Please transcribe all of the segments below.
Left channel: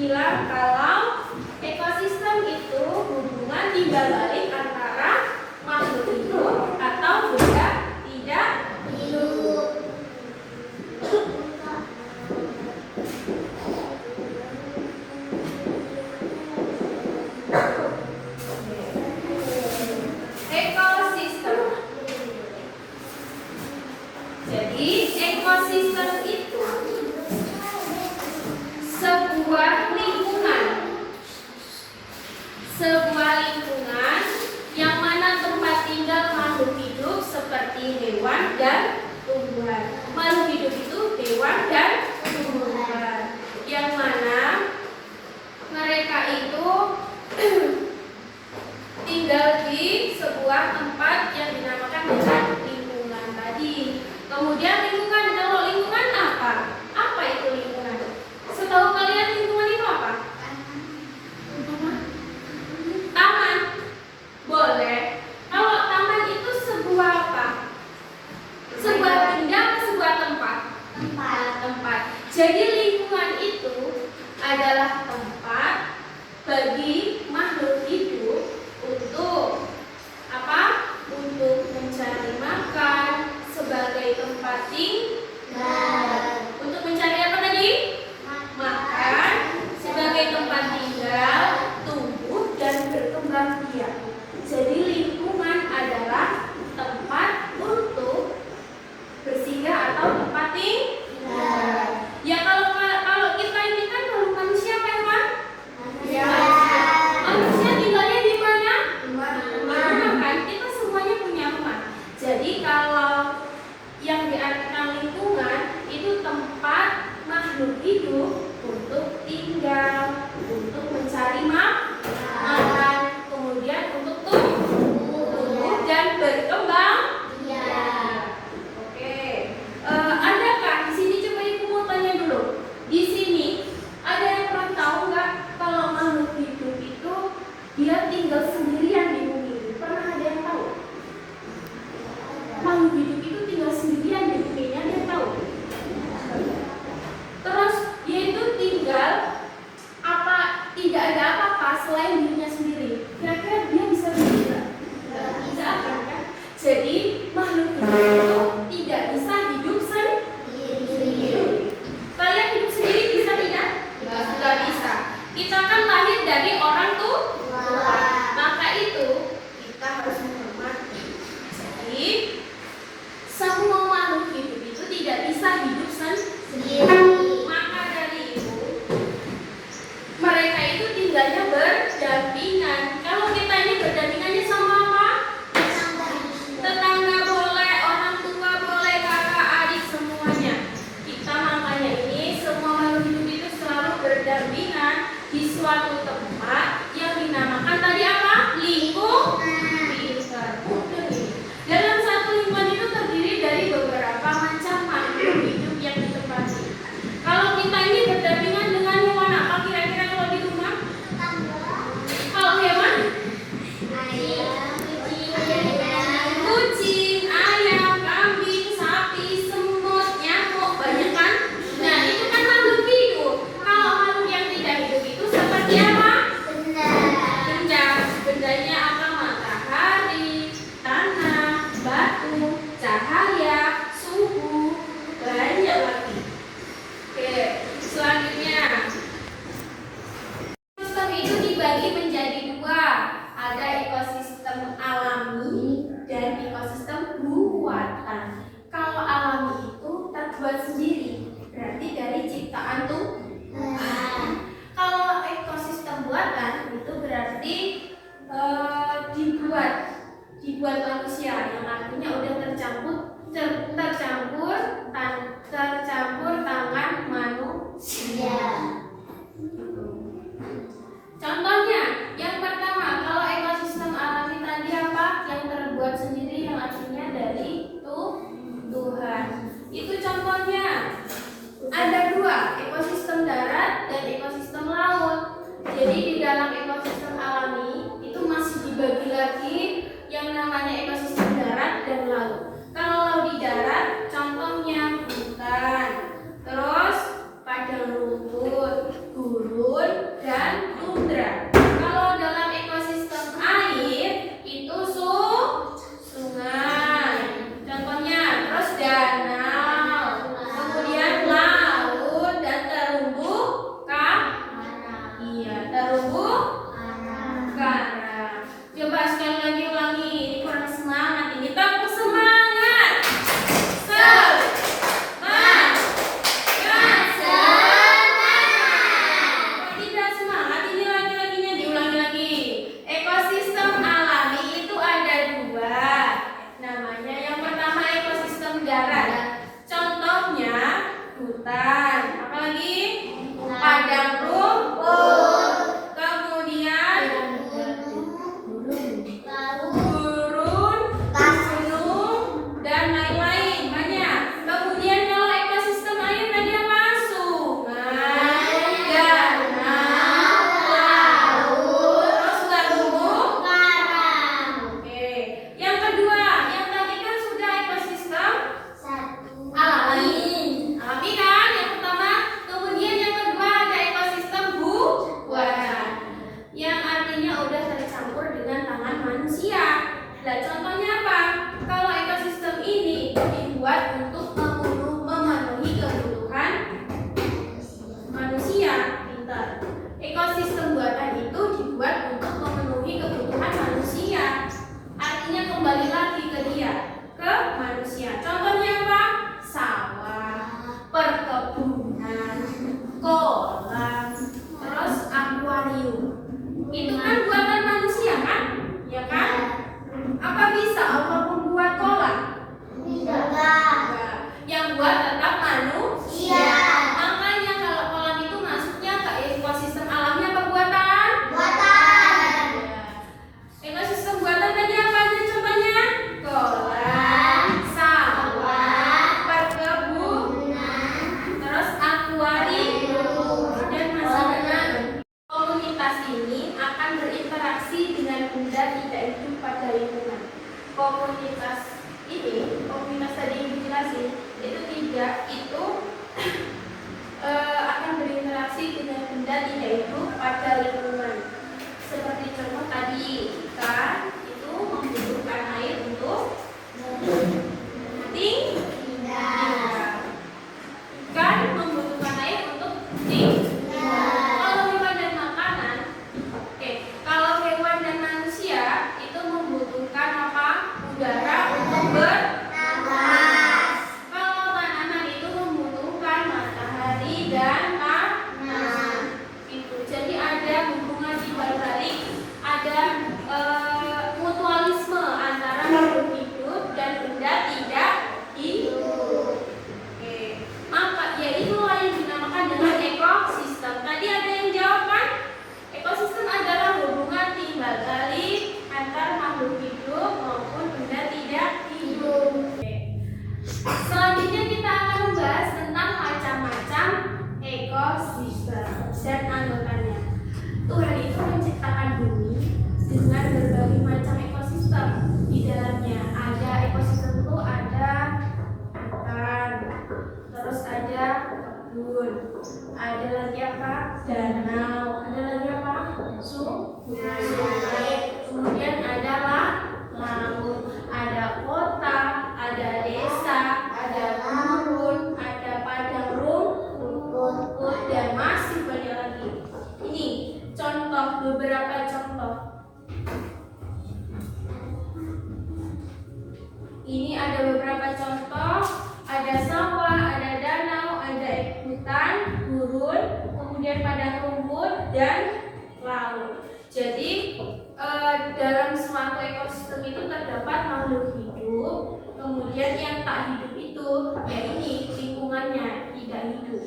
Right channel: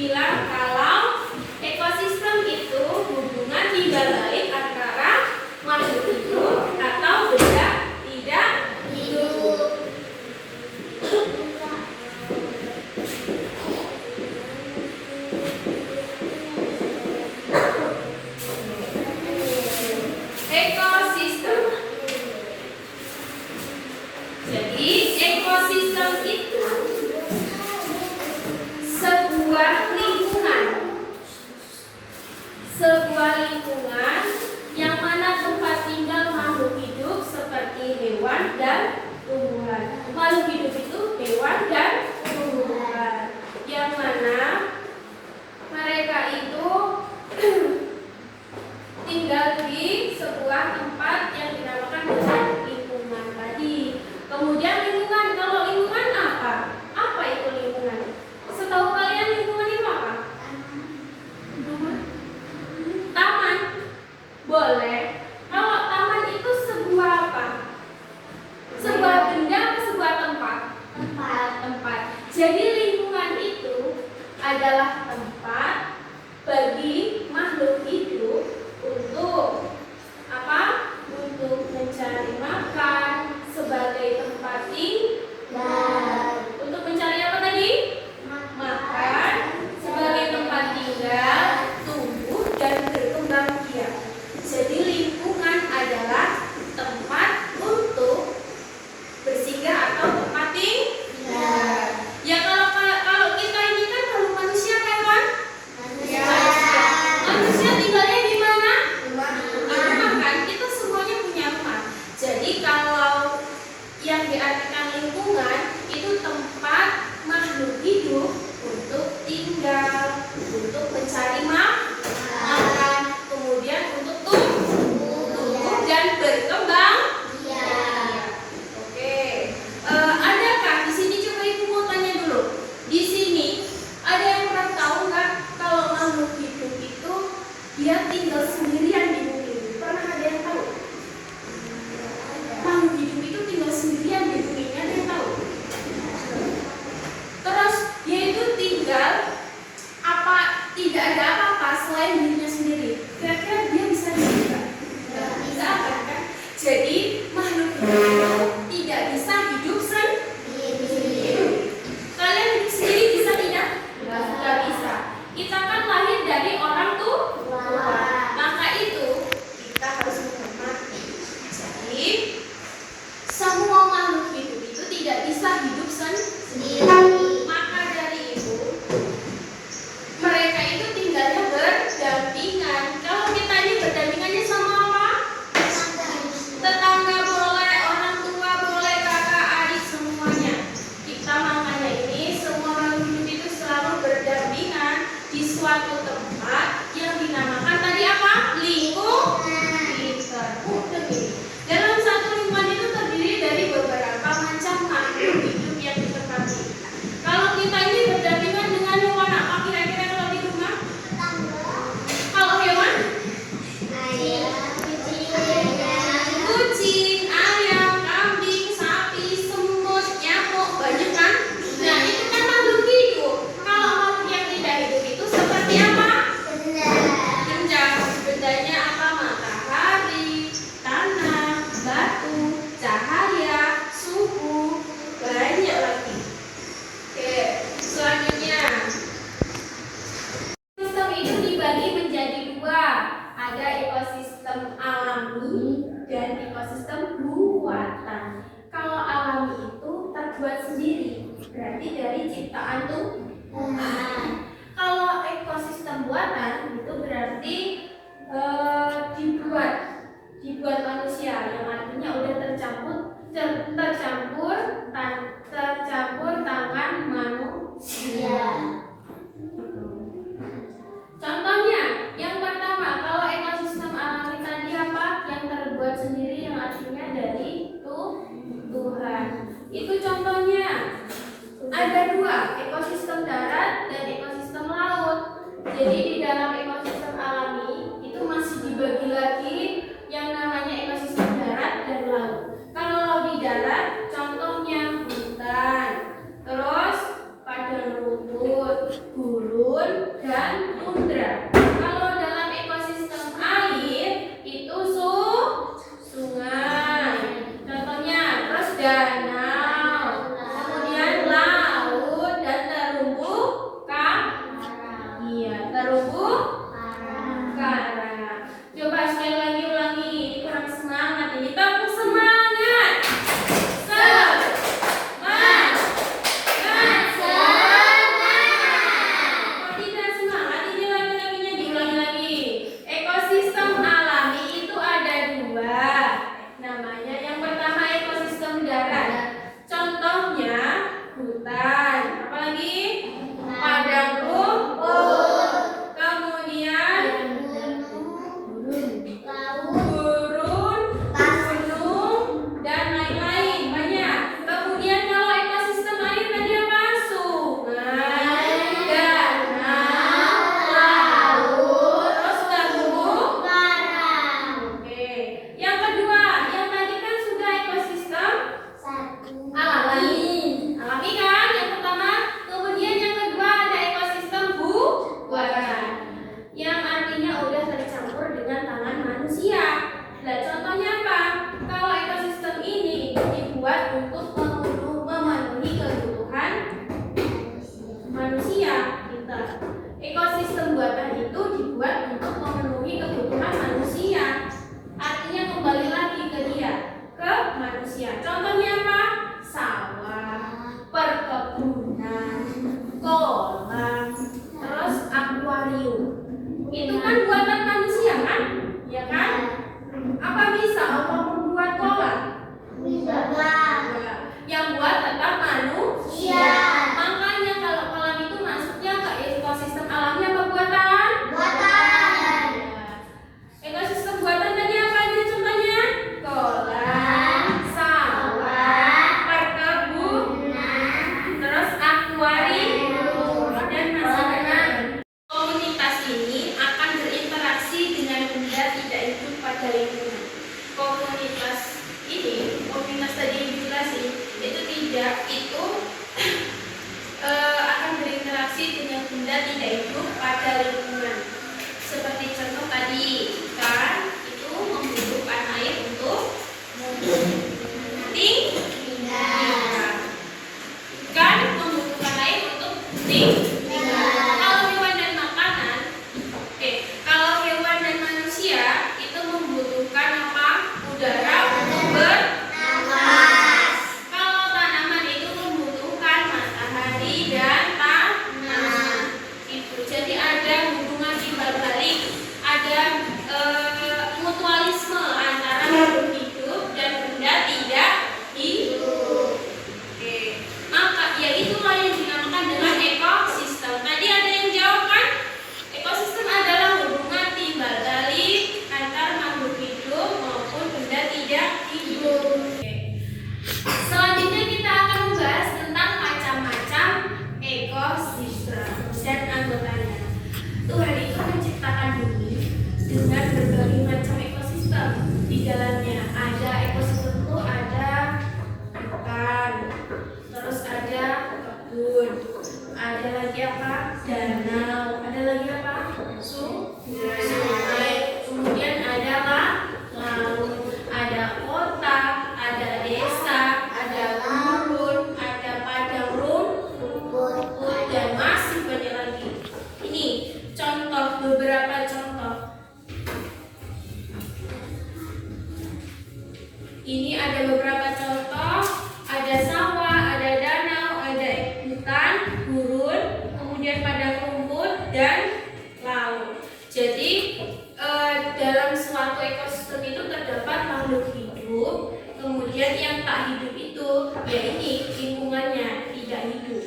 bilang kalau ekosistem itu hubungan timbal balik antara makhluk hidup atau benda tidak hidup. Ekosistem. Jadi ekosistem itu sebuah lingkungan yang mana tempat tinggal makhluk hidup seperti hewan dan tumbuhan. Makhluk hidup itu hewan dan tumbuhan, yang mana mereka itu tinggal di sebuah tempat yang dinamakan dengan lingkungan tadi. Kemudian lingkungan, kalau lingkungan apa? Apa itu lingkungan? Setahu kalian lingkungan itu apa? Taman. Boleh. Kalau taman itu sebuah apa? Sebuah benda atau sebuah tempat? Tempat. Jadi lingkungan itu adalah tempat bagi makhluk hidup untuk apa? Untuk mencari makan sebagai tempat tinggal. Untuk mencari apa tadi? Makan sebagai tempat tinggal, tumbuh dan berkembang biak. Jadi lingkungan adalah tempat untuk bersinggah atau tempat tinggal. Ya kalau kita ini kan makhluk manusia kan, Wan? Manusia tinggalnya di mana? Rumah kan? Kita semuanya punya rumah. Jadi kalau yang diartikan lingkungan itu tempat makhluk hidup untuk tinggal, untuk mencari makan, kemudian untuk tumbuh dan berkembang. Oke. Adakah di sini, coba ibu mau tanya dulu. Di sini ada yang pernah tahu nggak kalau makhluk hidup itu dia tinggal sendirian di bumi? Pernah ada yang tahu? Makhluk hidup itu tinggal sendirian di bumi, ada yang tahu? Terus dia itu tinggal apa? Tidak ada apa-apa selain dirinya sendiri. Kira-kira dia bisa sendiri nggak? Nggak bisa kan? Jadi gurun, dan tundra. Kalau dalam ekosistem air itu sungai. Contohnya, terus danau, kemudian laut, dan terumbu karang. Iya, terumbu karang. Coba sekali lagi ulangi, ini kurang semangat ini. Tepuk semangat. Semangat. Kalau tidak semangat, ini lagi-laginya diulangi lagi. Ekosistem alami itu ada dua. Namanya yang pertama ekosistem darat. Contohnya hutan. Apalagi? Padang rumput. Kemudian gurun, gunung, dan lain-lain banyak. Kemudian kalau ekosistem air tadi apa? Sungai, danau, laut, terus terumbu karang. Oke. Yang kedua, yang tadi kan sudah ekosistem alami. Alami kan yang pertama. Kemudian yang kedua ada ekosistem buatan. Yang artinya udah tercampur dengan tangan manusia. Nah, contohnya apa? Kalau ekosistem ini dibuat untuk memenuhi kebutuhan manusia, pintar. Ekosistem buatan itu dibuat untuk memenuhi kebutuhan manusia. Artinya kembali lagi ke dia, ke manusia. Contohnya apa? Sawah, perkebunan, kolam, terus akuarium. Itu kan buatan manusia kan? Ya kan? Apa bisa Allah membuat kolam? Enggak. Yang buat tetap manusia. Makanya kalau kolam itu masuknya ke ekosistem alami apa buatan? Buatan. Ekosistem buatan tadi apa aja contohnya? Kolam, sawah, perkebunan, terus akuarium, dan masyarakat. Komunitas ini akan berinteraksi dengan benda tidak hidup pada lingkungan. Komunitas ini, komunitas tadi yang dijelasin, itu akan berinteraksi dengan benda tidak hidup pada lingkungan. Seperti contoh tadi, ikan itu membutuhkan air untuk tinggal. Ikan membutuhkan air untuk tinggal. Kalau hewan dan manusia itu membutuhkan apa? Udara untuk bernapas. Kalau tanaman itu membutuhkan matahari dan tanah. Itu. Jadi ada hubungan dibalik, ada mutualisme antara makhluk hidup dan benda tidak hidup. Oke. Maka ya itulah yang dinamakan dengan ekosistem. Tadi ada yang jawab kan? Ekosistem adalah hubungan timbal balik antar makhluk hidup maupun benda tidak hidup. Selanjutnya kita akan membahas tentang macam-macam ekosistem dan anggotanya. Tuhan itu menciptakan bumi dengan berbagai macam ekosistem. Di dalamnya ada ekosistem itu ada hutan, terus ada kebun, ada lagi apa? Danau, ada lagi apa? Sungai, kemudian ada laut, ada kota, ada desa, ada gurun, ada padang rumput, dan masih banyak lagi. Ini contoh, beberapa contoh. Ini ada beberapa contoh, ada sawah, ada danau, ada hutan, gurun, kemudian padang rumput, dan laut. Jadi dalam suatu ekosistem itu terdapat makhluk hidup, kemudian yang tak hidup itu ya ini lingkungannya tidak hidup.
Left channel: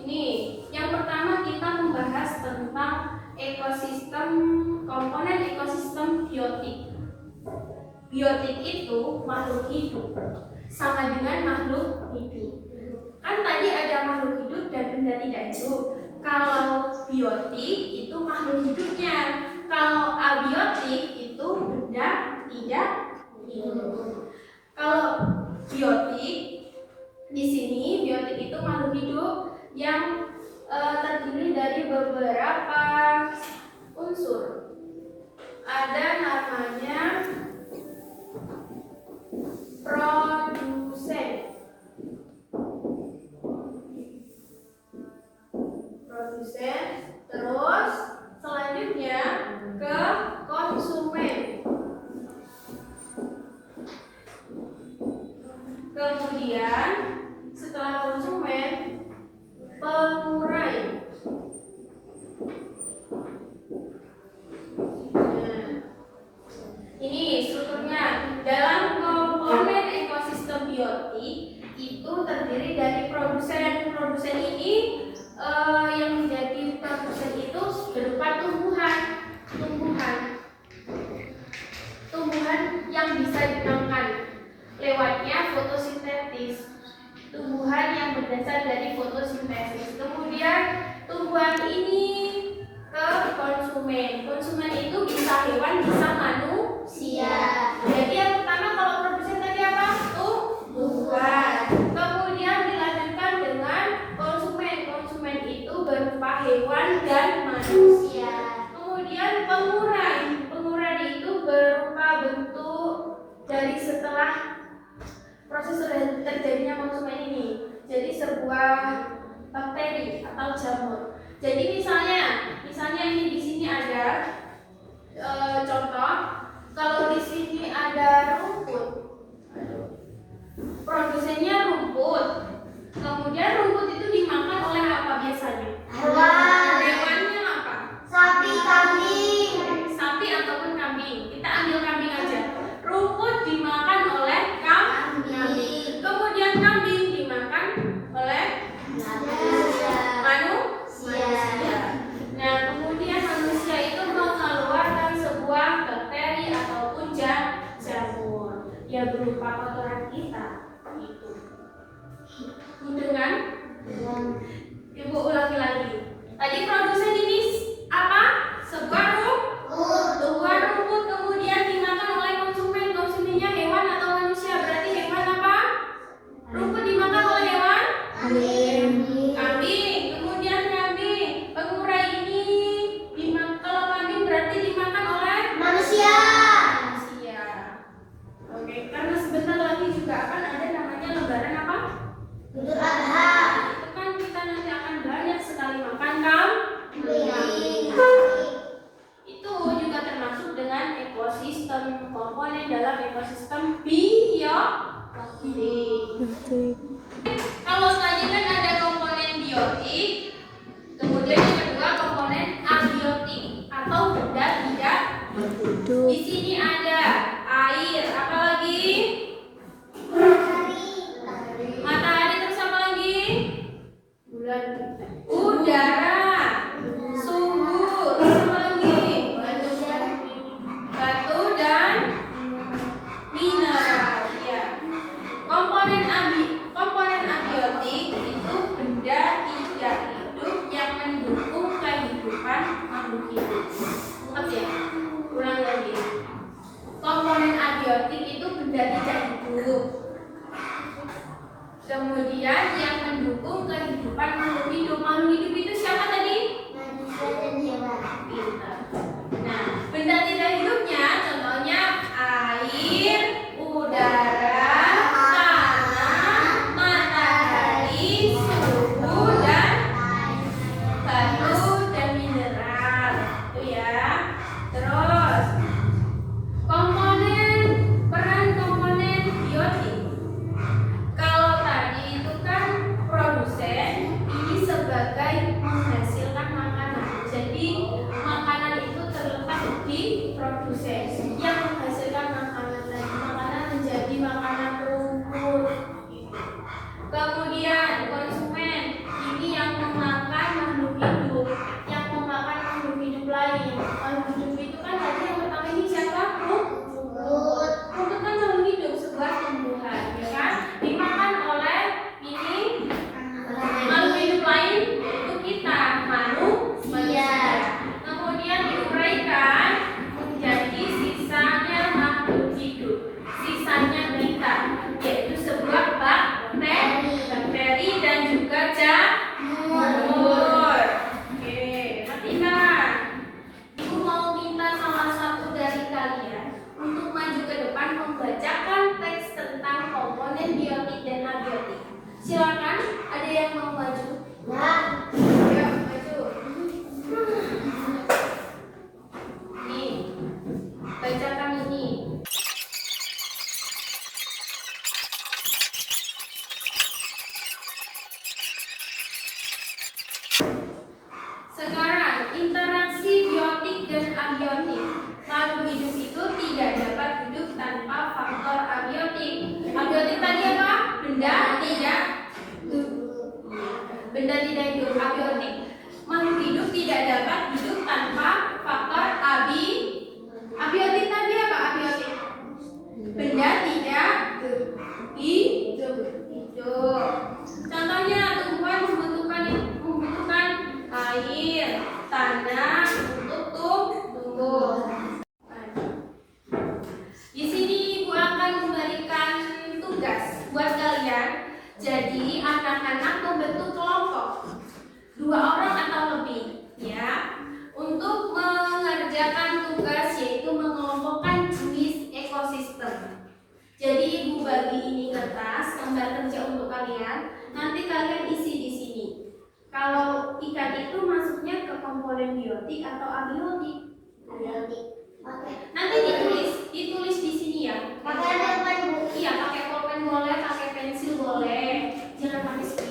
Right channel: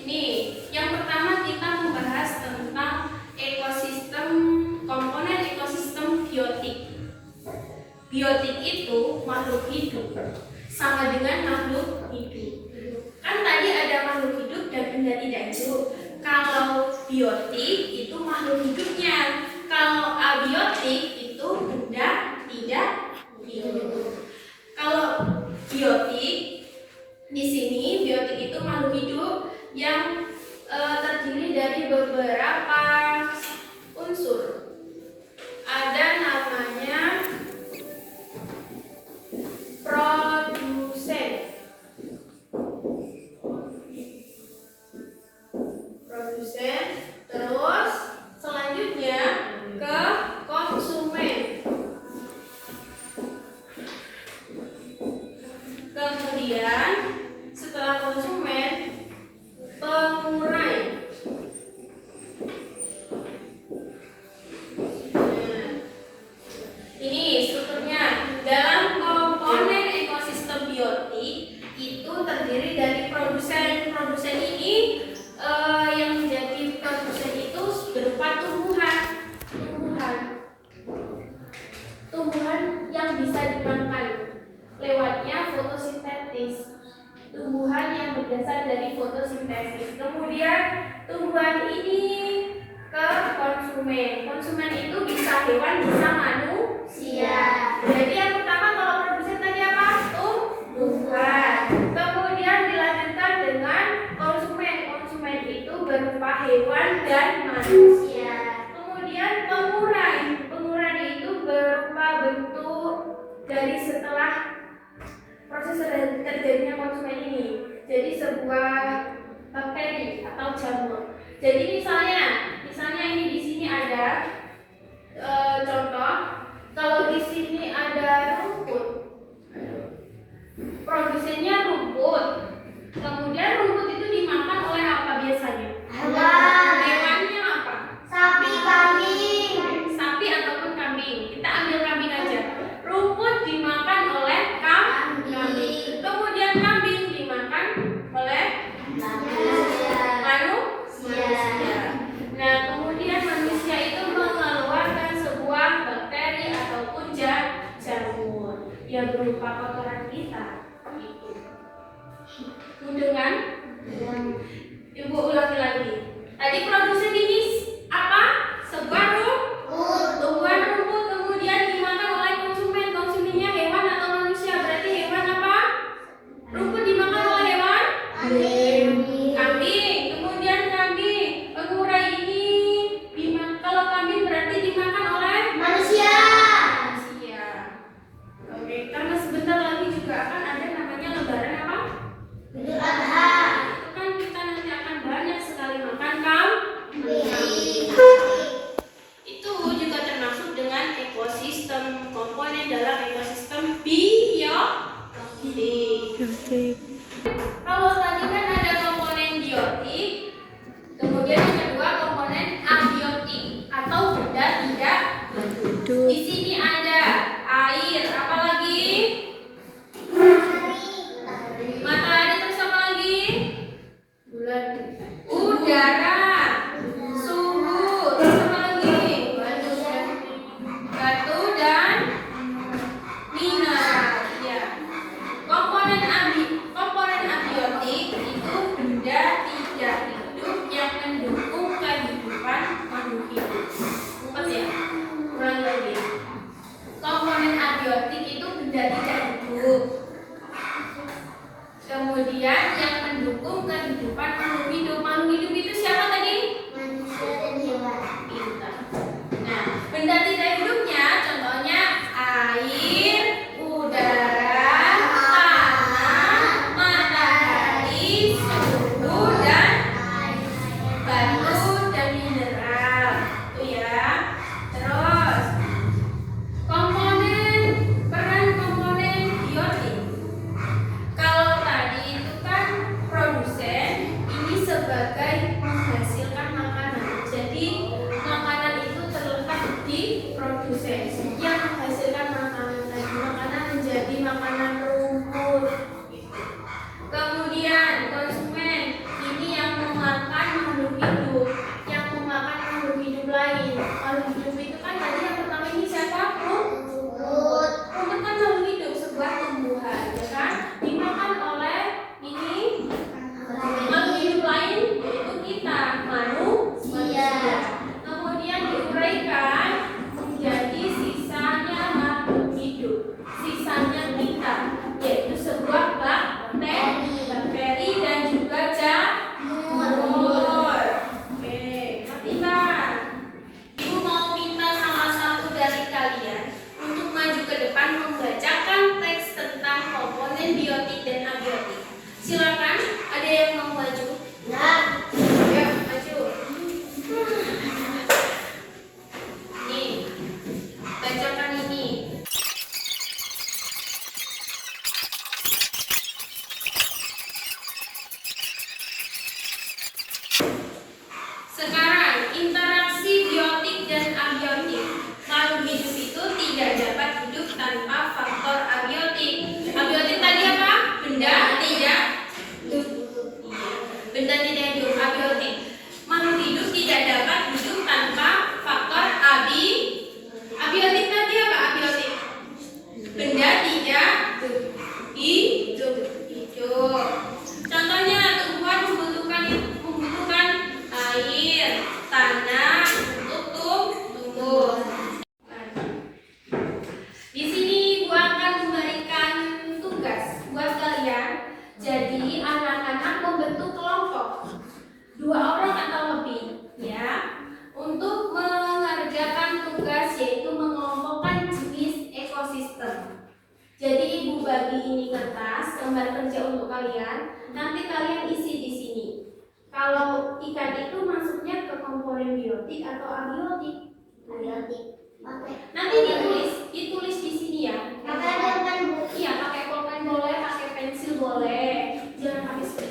Ini yang pertama kita membahas tentang ekosistem, komponen ekosistem biotik. Biotik itu makhluk hidup, sama dengan makhluk hidup. Kan tadi ada makhluk hidup dan benda tidak hidup. Kalau biotik itu makhluk hidupnya, kalau abiotik itu benda tidak hidup. Kalau biotik di sini biotik itu makhluk hidup, beberapa unsur. Ada namanya produsen. Terus selanjutnya ke konsumen. Kemudian setelah konsumen, pengurai. Ini strukturnya. Dalam komponen ekosistem biotik itu terdiri dari produsen. Produsen ini yang menjadi produsen itu berupa tumbuhan yang bisa dimakan lewatnya fotosintesis. Tumbuhan yang berdasar dari fotosintesis. Kemudian tumbuhan ini ke konsumen. Konsumen itu bisa hewan, bisa manusia. Jadi yang pertama kalau produsen tadi apa? Tumbuhan. Kemudian dilanjutkan dengan konsumen. Konsumen itu berupa hewan dan manusia. Kemudian pengurai. Pengurai itu berupa bentuk dari setelah proses terjadinya konsumen ini. Jadi sebuah bakteri atau jamur. Jadi misalnya ini di sini ada contoh, kalau di sini ada rumput, produsennya rumput. Kemudian rumput itu dimakan oleh apa biasanya? Hewannya apa? Sapi, kambing. Sapi ataupun kambing. Kita ambil kambing aja. Rumput dimakan oleh kambing. Kemudian kambing dimakan oleh manusia. Nah, kemudian manusia itu mengeluarkan sebuah bakteri ataupun jamur yang berupa kotoran kita. Itu. Dengan Ibu ulangi lagi. Tadi produsen ini apa? Sebuah tumbuhan rumput, kemudian dimakan oleh konsumen. Konsumennya hewan atau manusia? Berarti hewan apa? Rumput dimakan oleh hewan? Kambing. Kemudian kambing. Pengurai ini kalau kambing berarti dimakan oleh Manusia. Oke, karena sebentar lagi juga akan ada namanya lebaran apa? Idul Adha. Itu kan kita nanti akan banyak sekali makan kambing. Itu juga termasuk dengan ekosistem, komponen dalam ekosistem biotik. Kalau tadi kan ada komponen biotik, kemudian yang kedua komponen abiotik atau benda tidak hidup. Di sini ada air, apa lagi? Matahari, terus apa lagi? Bulan. Udara, suhu, terus apa lagi? Batu dan mineral. Ya. Komponen abiotik itu benda tidak hidup yang mendukung kehidupan makhluk hidup. Ingat ya? Ulangi lagi. Komponen abiotik itu benda tidak hidup. Kemudian yang mendukung kehidupan makhluk hidup. Makhluk hidup itu siapa benda tidak hidup, abiotik. Makhluk hidup tidak dapat hidup tanpa faktor abiotik. Tadi apa abiotik? Benda tidak hidup. Contohnya tumbuhan membutuhkan air, tanah untuk tumbuh. Di sini Ibu akan memberikan tugas buat kalian. Jadi anak-anak membentuk kelompok 2 orang atau lebih, ya, untuk mengerjakan tugas yaitu mengelompokkan jenis ekosistem. Jadi Ibu bagi ini kertas gambar kerja untuk kalian. Nanti kalian isi di sini. Kalau ikan itu masuknya ke komponen biotik atau abiotik? Abiotik. Nanti ditulis di sini ya. Pakai pulpen, Bu. Iya, pakai pulpen boleh, pakai pensil boleh. Jangan pakai spray.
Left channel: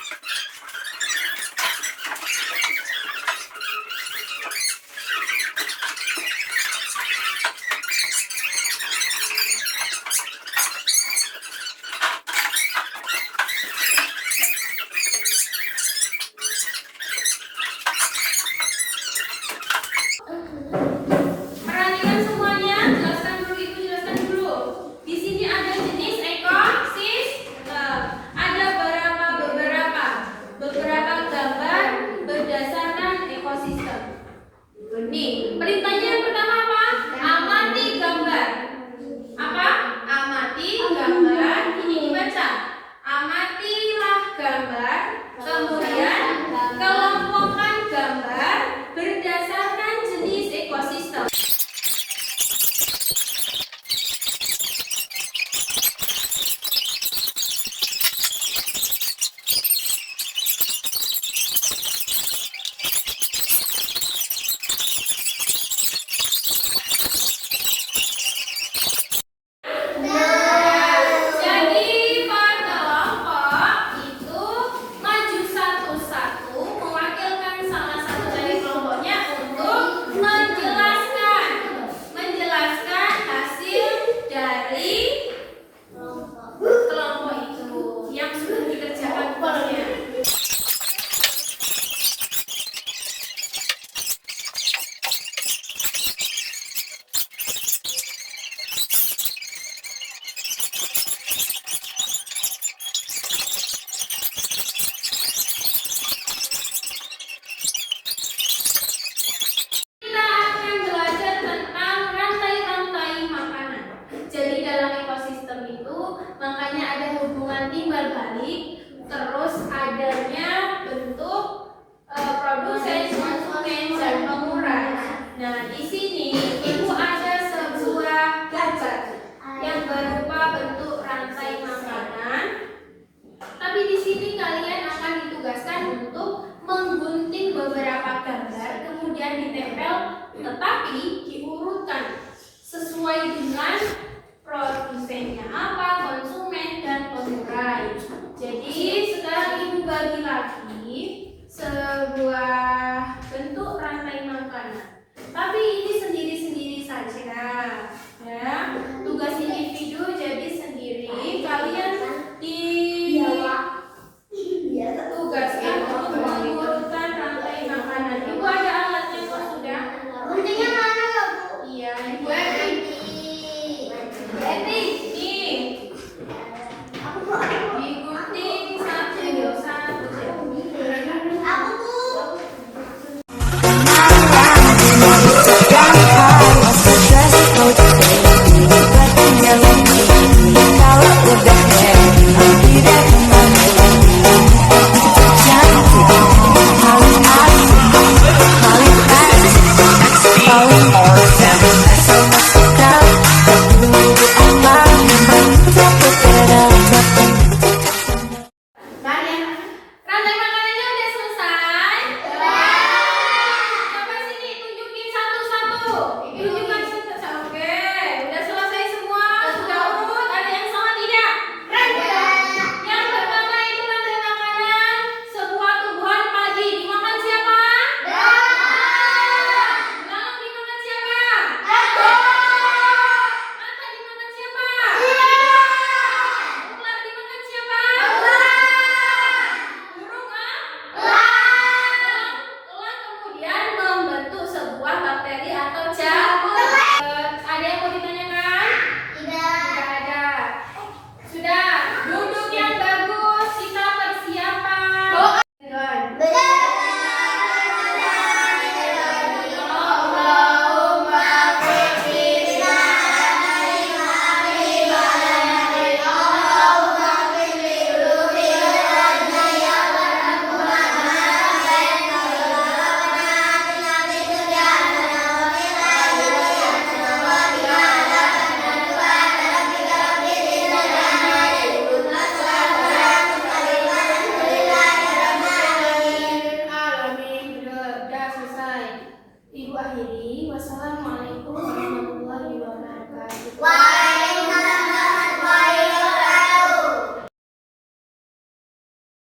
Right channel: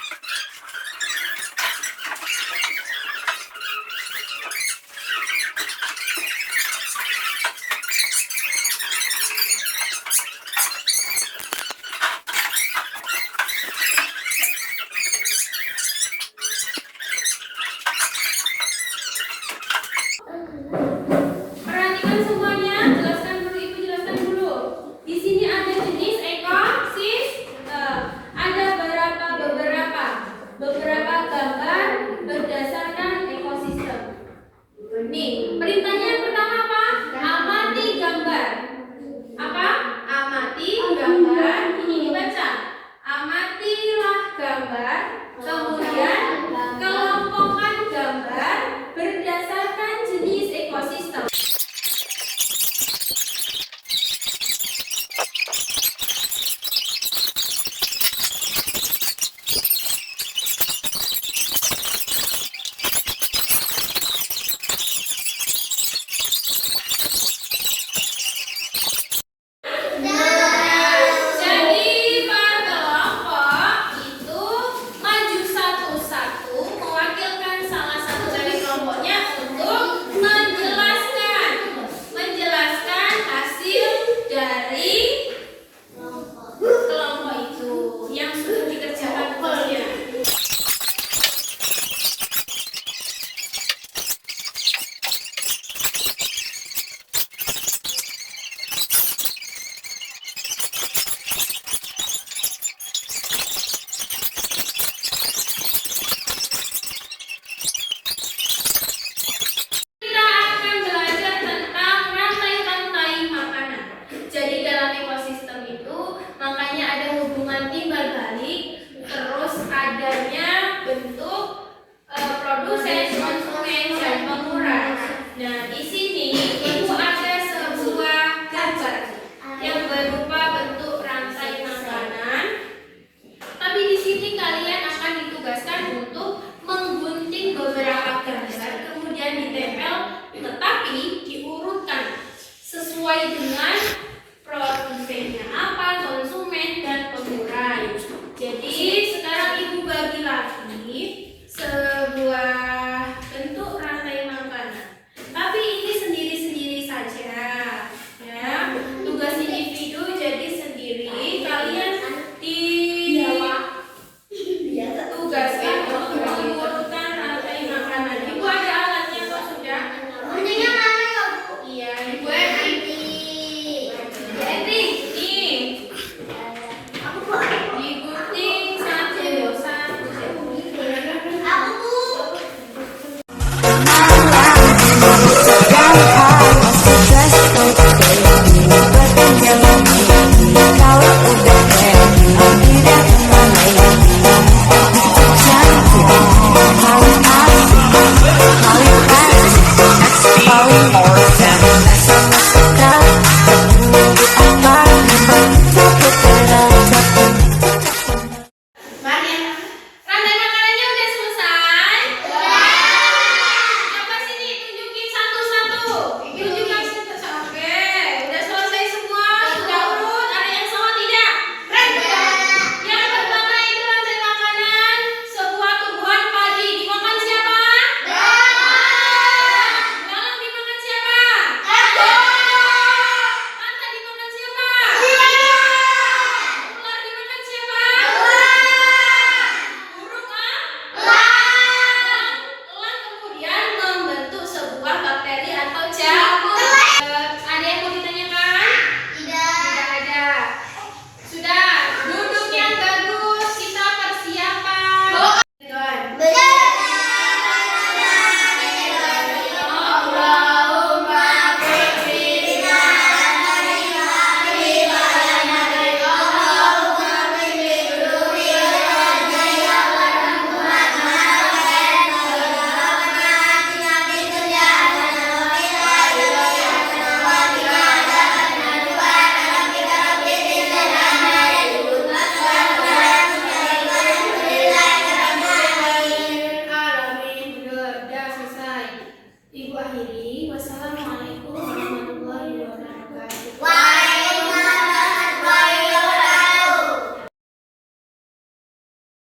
Perhatikan semuanya, jelaskan dulu. Di sini ada jenis ekosistem. Ada beberapa gambar berdasarkan ekosistem. Nih, perintahnya yang pertama apa? Amati gambar. Apa? Amati gambar. Ini dibaca. Amatilah gambar. Kemudian kelompokkan gambar berdasarkan jenis ekosistem. Jadi per kelompok itu maju satu-satu mewakilkan salah satu dari kelompoknya untuk menjelaskan hasil dari kelompok itu yang sudah dikerjakan tugasnya. Kita akan belajar tentang rantai-rantai makanan. Jadi dalam ekosistem itu makanya ada hubungan timbal balik, terus adanya bentuk produsen, konsumen, dan pengurai. Nah, di sini Ibu ada sebuah gambar yang berupa bentuk rantai makanan. Tapi di sini kalian akan ditugaskan untuk menggunting beberapa gambar, kemudian ditempel, tetapi diurutkan sesuai dengan produsennya apa, konsumen, dan pengurai. Jadi sekarang Ibu bagi lagi sebuah bentuk rantai makanan. Tapi ini sendiri-sendiri saja, ya. Tugas individu jadi sendiri. Kalian ditugaskan untuk mengurutkan rantai makanan. Ibu ada alatnya kok sudah? Guntingnya mana ya, Bu? Iya, Ibu Etri. Etri, nih. Aku, Bu. Digunting satu. Aku, Bu. Malam di